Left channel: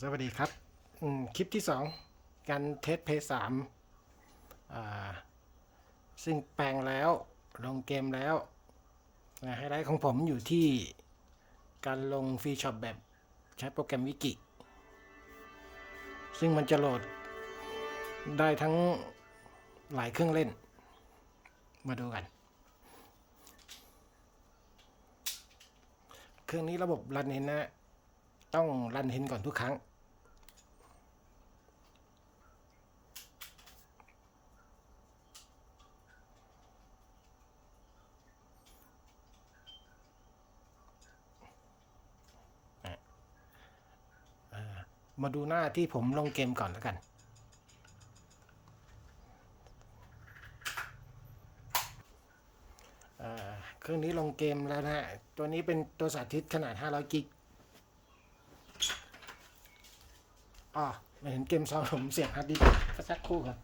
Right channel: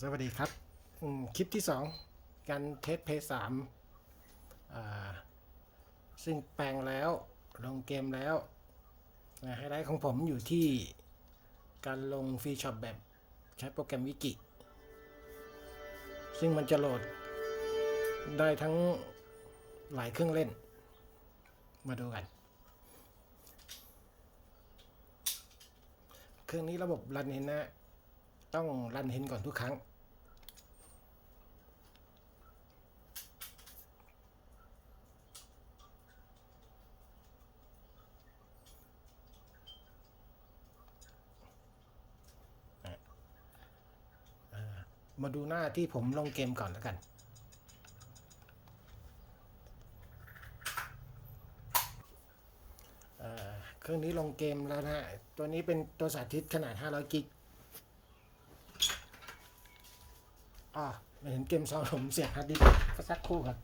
สวัสดีครับ คลิปที่สองการเทสเพย์สามซึ่งแปลงแล้วลงเกมแล้วไฮไลท์ของผมอยู่ที่การลงฟรีช็อปแบบใช้โปรแกรมวิกิ ซึ่งมันจะโหลดได้ทั้งหลายเครื่องเล่น มาดูกัน เครื่องนี้ระบบรันเห็นนะ ต้องรันเห็นก่อนทุกครั้ง มาดูหน้าที่ผมลงเกมก่อนแล้วกันเครื่องนี้ลงเกมแล้วนะฮะตัวนี้เป็นตัวสาธิตขนาด 500 กิก อ๋อไม่เห็นเกมซองผมเสียงฮาร์ดดิสก์ก็สักครู่ครับ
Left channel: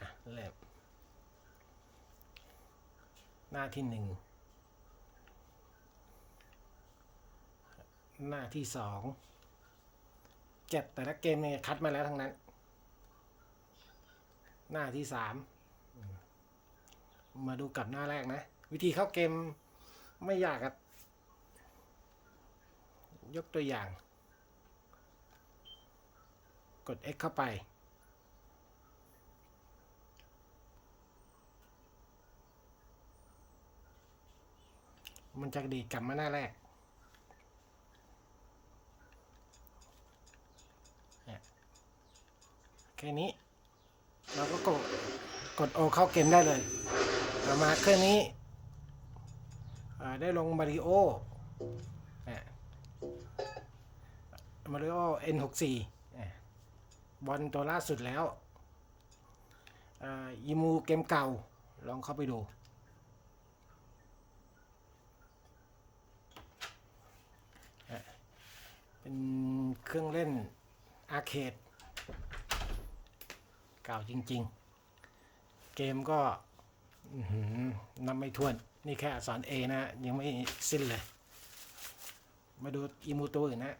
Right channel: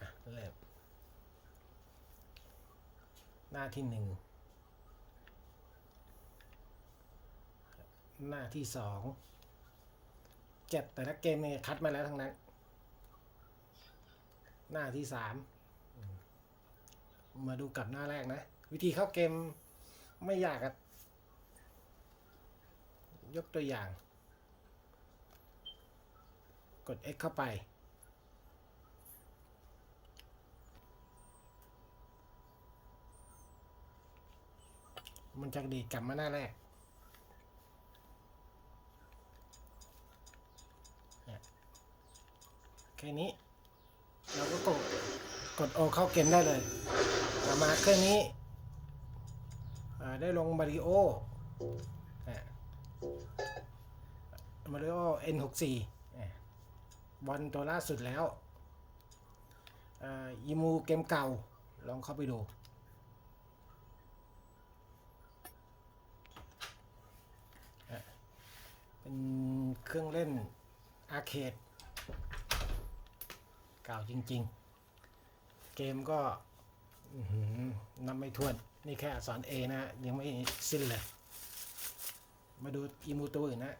อะเริ่มหน้าที่หนึ่ง หน้าที่สองเจ็ดแต่ละเกมเนี่ยคัดมาแล้วทั้งนั้น หน้าที่สามมาดูกับหน้าแรกนะ วิธีเข้าเกมไม่ยากครับ ยกตัวอย่าง กด X เข้าไป มันจะดีดกลับมาหน้าแรกแค่นี้เราก็กดกดโอเข้าเกมได้เลยต่อมาเครื่องนี้ ได้ลงมาริโอมาริโอ N64 อ่บอลตัวล่าสุดแล้วอ่ายีมูเกมเก่า ลองเข้าไปดูเป็นเครื่องเล่นอาร์เคดเก่าจริง ๆ เกมก็นำไม่ทวน นี่แค่อักษร A นะยังไม่สิ้นเลย มาดูอีมูตัวอื่นนะ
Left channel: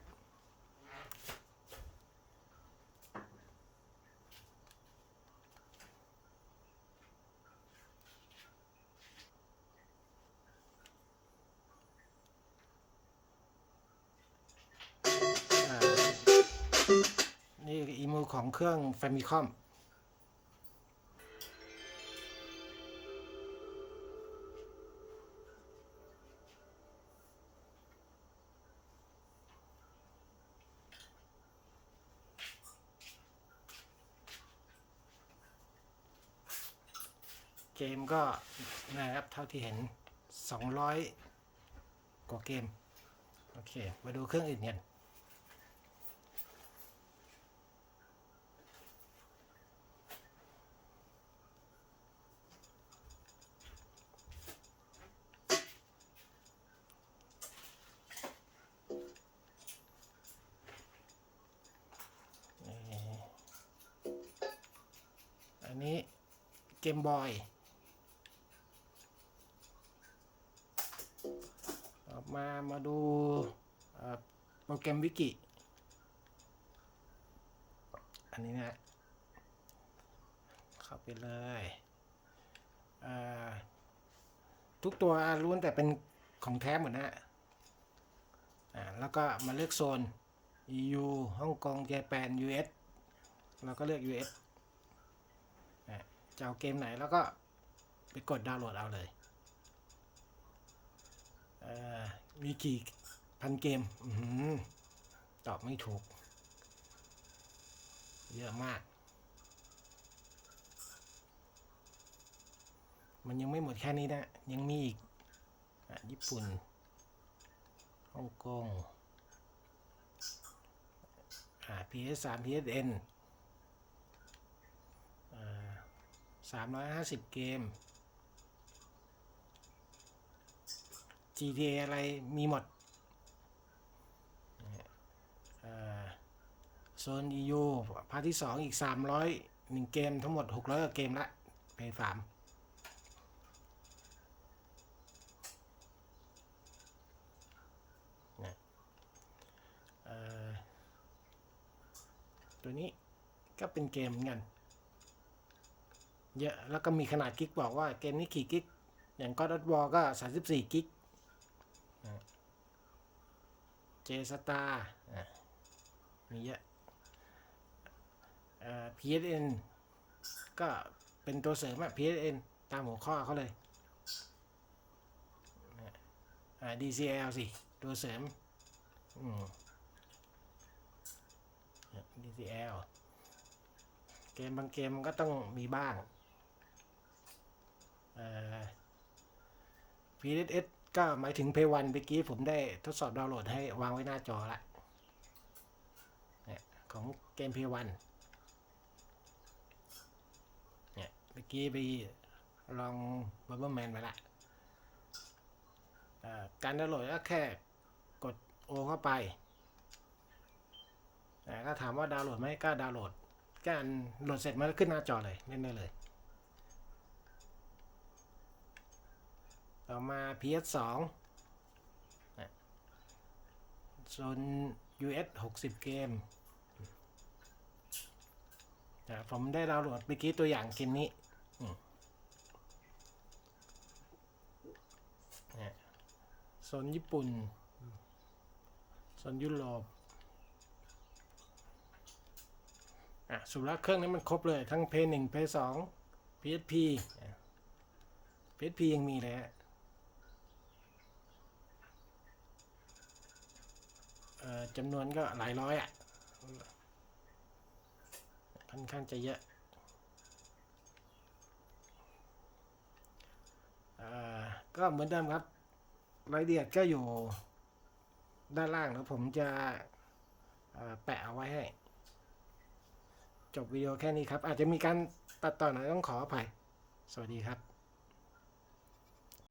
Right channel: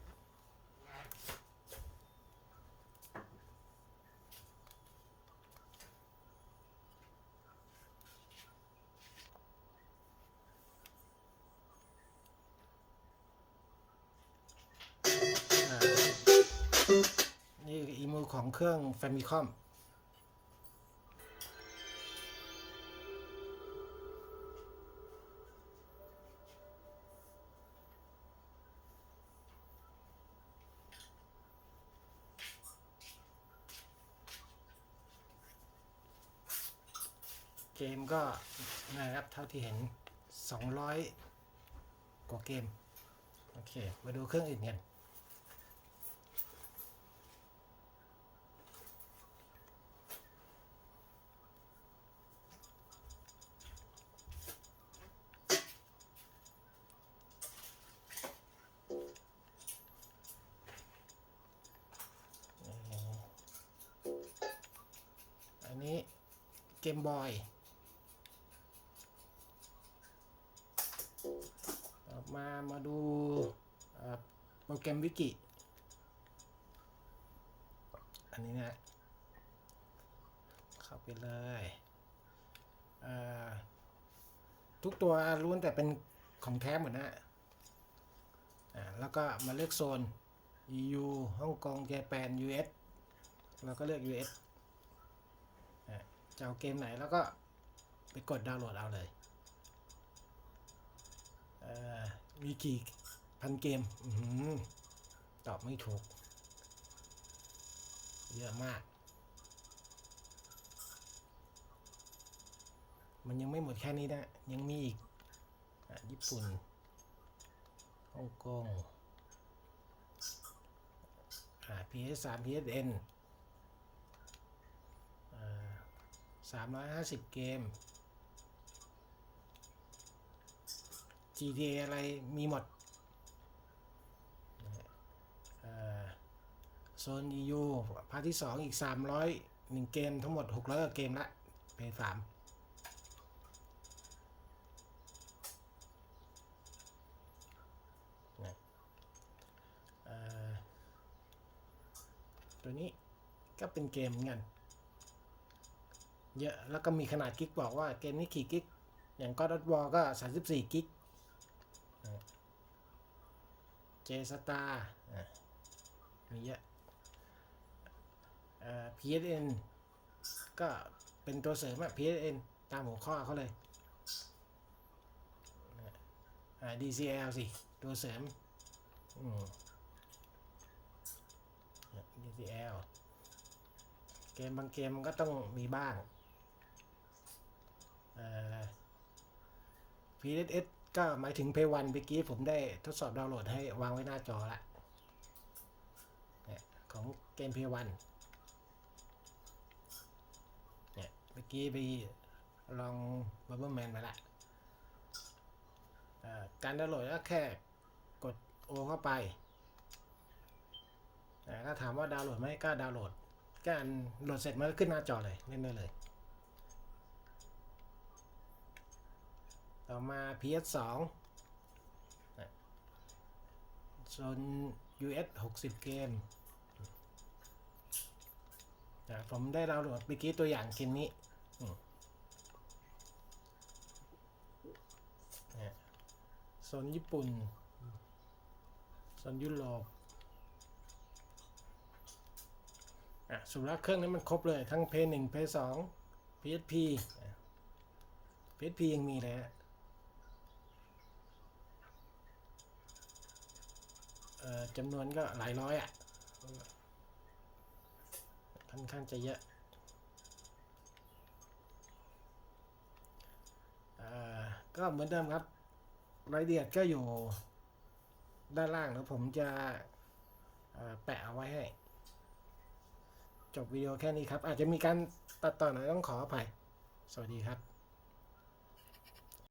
นี่อีมูของเครื่อง Famicom เกมก็นะครับเท่าที่เห็น 200 กว่าเกม โอเค มาดูเครื่องอื่นกันอันนี้เกมบอย มามาดูโปรแกรมวิกิ อันนี้นะเข้าไปเลยทุกตัวล้วนแต่เป็นของแท้หมดนะแล้วก็มาเลือกโซน EU ฮ่องกงเจแปน US เราก็เลือก US จะเอาเกมไหนแล้วก็ไปกดดาวน์โหลดเอาเลย มีกี่พันเกมอตอบไม่ถูก เยอะมาก มันยังไม่หมดแค่นี้นะ ยังมีอีกอญี่ปุ่นฮ่องกงอ่า PS3 PSN สามร้อยห้าสิบเกม GTA อะไรมีหมดโซน EU พาร์ที่ 2 อีก 300 1 เกมทั้งหมด 600 เกมละเพย์สามตัวนี้ก็เป็นเกมเงินเยอะแล้วก็มีขนาดกิกบอกว่าเกมนี้ขี่กิก อย่างก็ดัตวอก็ 34 กิก เจสตามีเยอะเอ่อ PSN ก็เป็นตัวเสริมอะ PSN ตามหัวข้อเขาเลยอ่า DCL สิ ตัวเสริมอืม DCL เกมบางเกมมันก็ต้องมีบ้างเอ่อ PSS ก็หมายถึง Play 1เมื่อกี้ผมได้ทดสอบดาวน์โหลดให้วางไว้หน้าจอละของเกม Play 1เนี่ยเมื่อกี้ไปลอง b u r b e r Man มาละการดาวน์โหลดก็แค่กด O เข้าไปแต่ก็ถามว่าดาวน์โหลดไหมก็ดาวน์โหลดการโหลดเสร็จมันก็ขึ้นหน้าจอเลยเล่นได้เลย ต่อมา PS2 นะโซน US 60 เกมนะผมได้ดาวน์โหลดเมื่อกี้ตัวอย่างเกมนี้นะโซนญี่ปุ่นโซนยุโรปอะสุดแล้วเครื่องนี้มันครบเลย ทั้ง p 1 p 2 PSP อะ PSP ยังมีเลยฮะ อจำนวนก็หลายร้อยอะค่อนข้างจะเยอะอ่อก็เหมือนเดิมครับรายละเอียดก็อยู่ด้านล่างแล้วผมจะแปะเอาไว้ให้ จบวิดีโอแค่นี้ครับ อาจจะมีการตัดต่อหน่อยต้องขออภัย สวัสดีครับ